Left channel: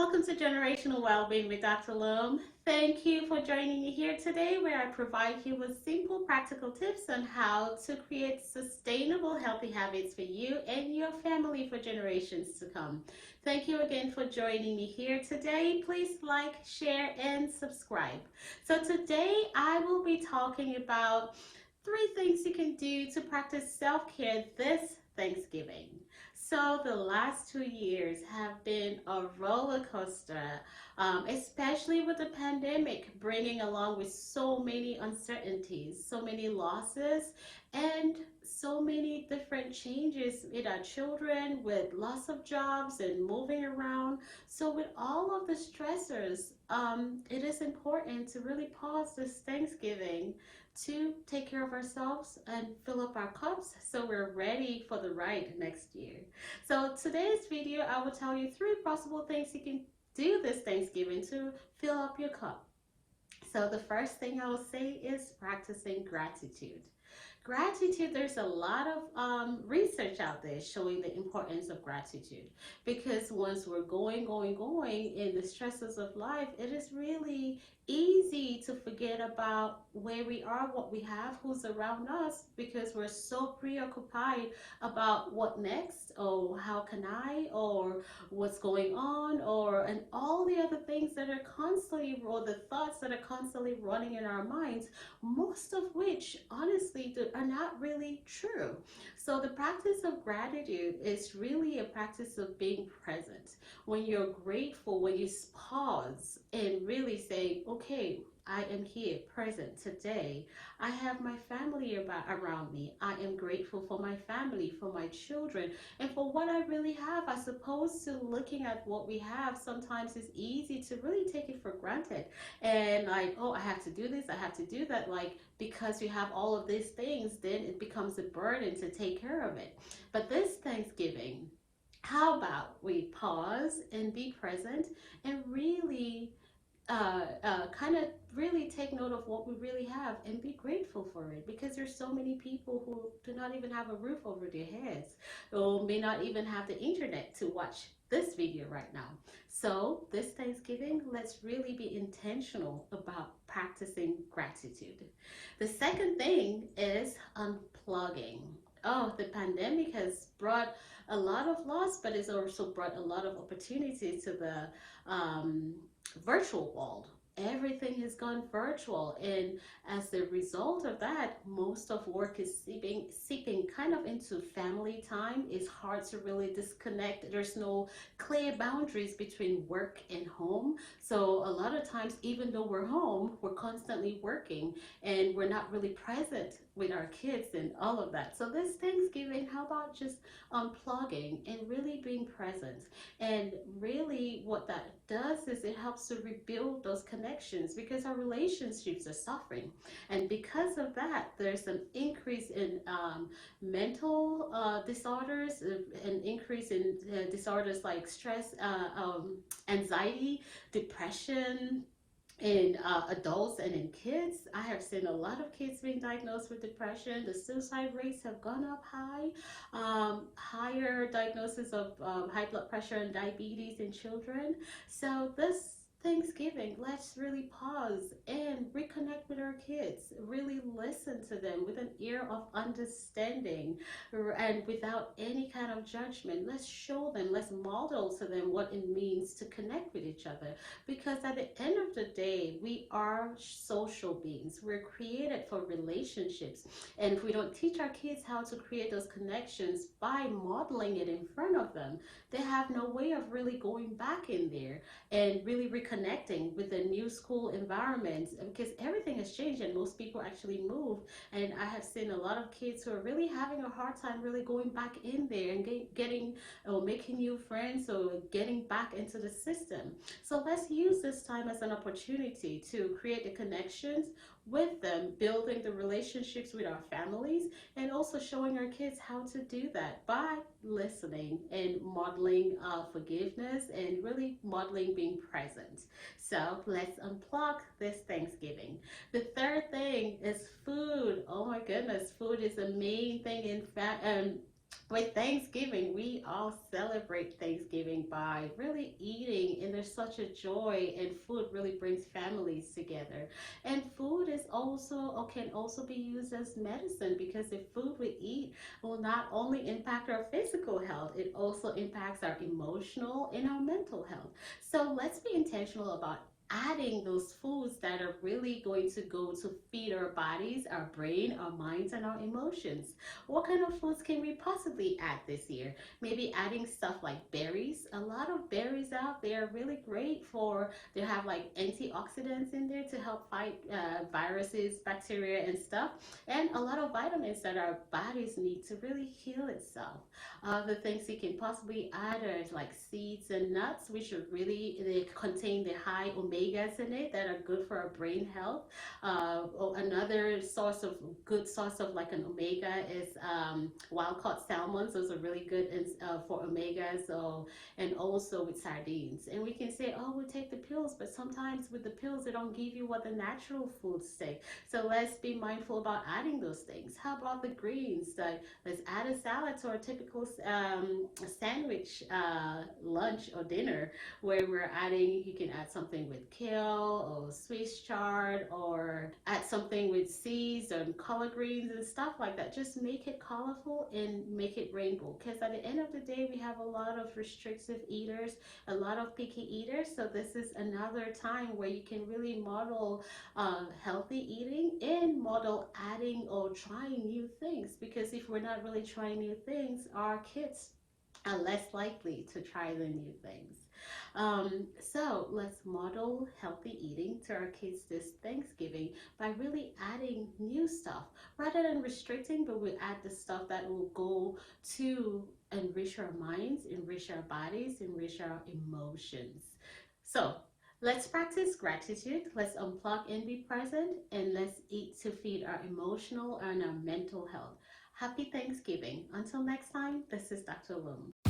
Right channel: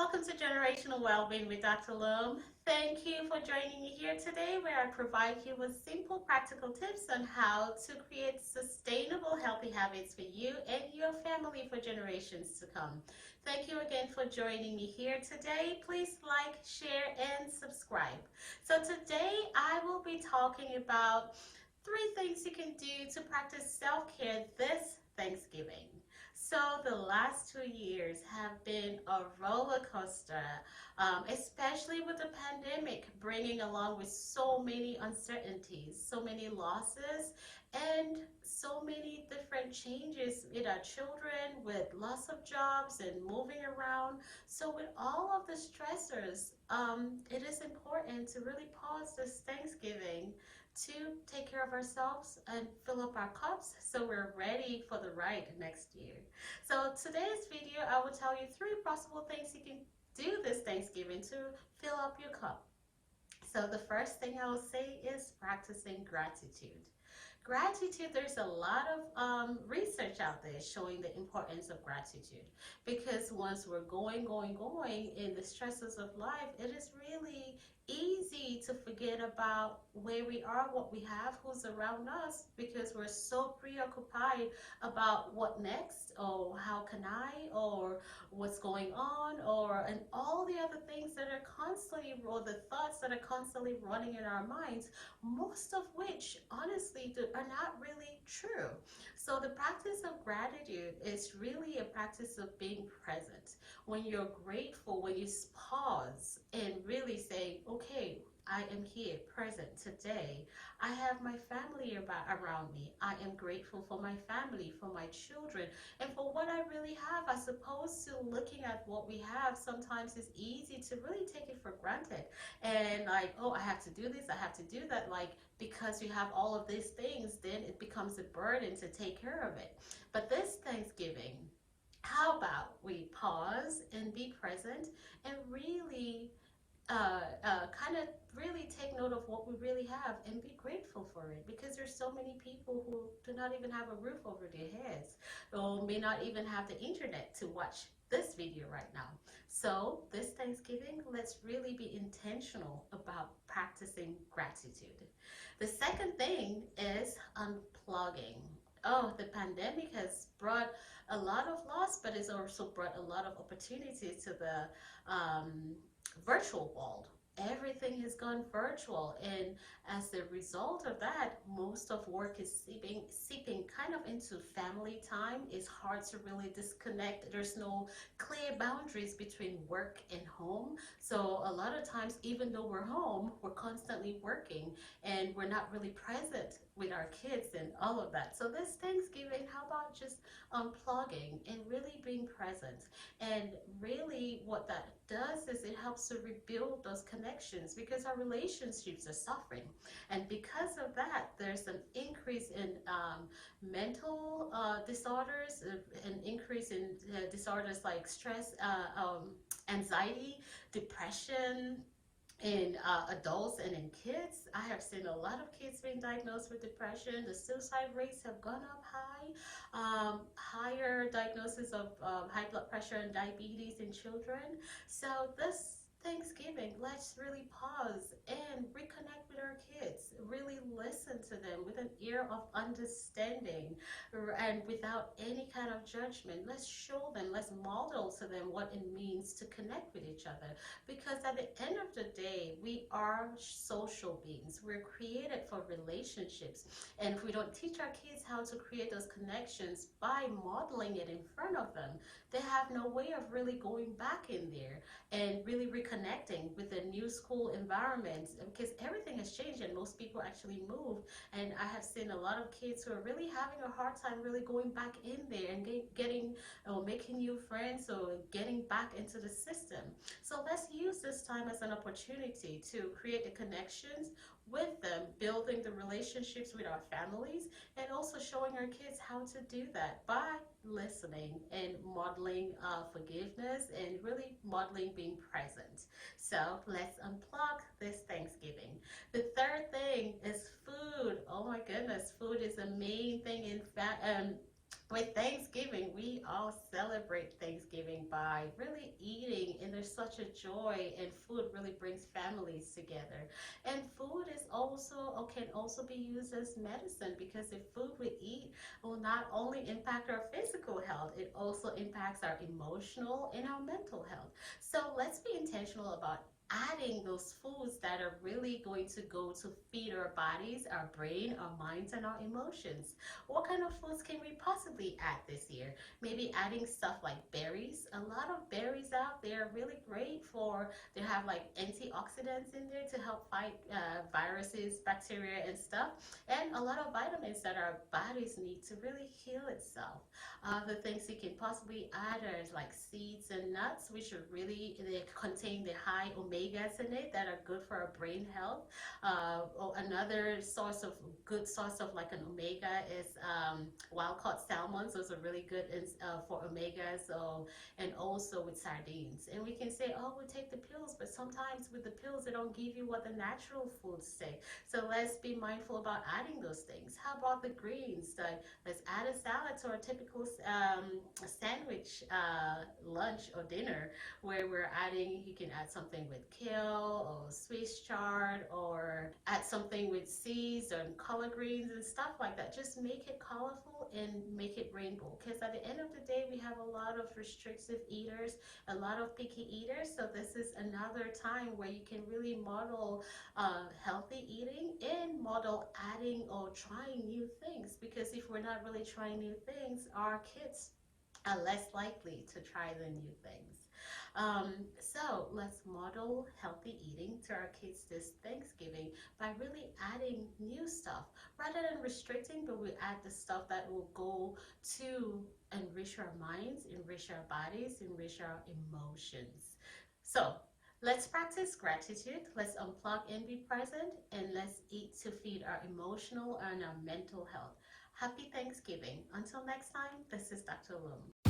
welcome to Generational Wellbeing with Dr. Loam. Thank you for joining me here today, where I provide you with simple, practical tips on how to create sustainable, healthy habits for you and your family for generations to come. Thank you again for joining me here today. Please like, share, and subscribe. So today I will be talking about 3 things you can do to practice self-care this Thanksgiving. So the last 2 years have been a roller coaster, especially with the pandemic bringing along with so many uncertainties, so many losses, and so many different changes in our children with loss of jobs and moving around. So with all of the stressors, it is important to really pause this Thanksgiving to take care of ourselves and fill up our cups so we're ready for the ride next year. So today's video, I will tell you 3 possible things you can do this Thanksgiving to fill up your cup. So the first thing I will say is practicing gratitude. Gratitude, there's a lot of research out there showing the importance of gratitude, because once we're going in the stresses of life, it is really easy to forget about where we are, what we have, who's around us, because we're so preoccupied about what next, or how can I, or what's going on, or and all the other things that are constantly, or the thoughts that are constantly running in our minds, most of which honestly are not really true. So the practice of gratitude is really a practice of being present. When you're grateful, when you pause and really say, okay, I am here present today. I have my family around me. I am grateful for my family, for my children, and for what I really have. As opposed to looking at what we have, sometimes it's easy to really take it for granted. And like, oh, I have to do this, I have to do that. Like, because you have all of these things, then it becomes a burden to take care of it. But this Thanksgiving, how about we pause and be present and really kind of really take note of what we really have and be grateful for it, because there's so many people who do not even have a roof over their heads, or may not even have the internet to watch this video right now. So this Thanksgiving, let's really be intentional about practicing gratitude. The second thing is unplugging. Oh, the pandemic has brought a lot of loss, but it's also brought a lot of opportunities to the virtual world. Everything has gone virtual, and as a result of that, most of work is seeping kind of into family time. It's hard to really disconnect. There's no clear boundaries between work and home. So a lot of times, even though we're home, we're constantly working and we're not really present with our kids and all of that. So this Thanksgiving, how about just unplugging and really being present? And really what that does is it helps to rebuild those connections, because our relationships are suffering. And because of that, there's an increase in mental disorders, an increase in disorders like stress, anxiety, depression, in adults and in kids. I have seen a lot of kids being diagnosed with depression. The suicide rates have gone up high. Higher diagnosis of high blood pressure and diabetes in children. So this Thanksgiving, let's really pause and reconnect with our kids. Really listen to them with an ear of understanding and without any kind of judgment. Let's show them, let's model to them what it means to connect with each other. Because at the end of the day, we are social beings. We're created for relationships. And if we don't teach our kids how to create those connections by modeling it in front of them, they have no way of really going back in there and really reconnecting with the new school environment, because everything has changed and most people actually moved. And I have seen a lot of kids who are really having a hard time really going back in there and getting or making new friends or getting back into the system. So let's use this time as an opportunity to create the connections with them, building the relationships with our families, and also showing our kids how to do that by listening and modeling forgiveness and really modeling being present. So let's unplug this Thanksgiving. The third thing is food. Oh my goodness, food is the main thing in fact. With Thanksgiving, we all celebrate Thanksgiving by really eating in there's such a joy, and food really brings families together. And food is also, or can also be used as medicine, because the food we eat will not only impact our physical health, it also impacts our emotional and our mental health. So let's be intentional about adding those foods that are really going to go to feed our bodies, our brain, our minds, and our emotions. What kind of foods can we possibly add this year? Maybe adding stuff like berries. A lot of berries out there are really great for, they have like antioxidants in there to help fight viruses, bacteria, and stuff, and a lot of vitamins that our bodies need to really heal itself. The things you can possibly add are like seeds and nuts, which are really, they contain the high omegas in it that are good for our brain health. Another source of good source of like an omega is wild caught salmons. Those are really good for omegas. So, and also with sardines. And we can say, oh, we take the pills, but sometimes with the pills, they don't give you what the natural foods say. So let's be mindful about adding those things. How about the greens? Like, let's add a salad to our typical sandwich lunch or dinner, where we're adding, you can add something with kale or Swiss chard, or add something with seeds and collard greens and stuff like that. Just make it colorful and make it rainbow, because at the end of the day, we have a lot of restrictive eaters, a lot of picky eaters. So this is another time where you can really model healthy eating and model adding or trying new things, because if we're not really trying new things, our kids are less likely to try the new things. So let's model healthy eating to our kids this Thanksgiving by really adding new stuff rather than restricting, but we add the stuff that will go to enrich our minds, enrich our bodies, enrich our emotions. So let's practice gratitude. Let's unplug and be present, and let's eat to feed our emotional and our mental health. Happy Thanksgiving. Until next time, this is Dr. Lum.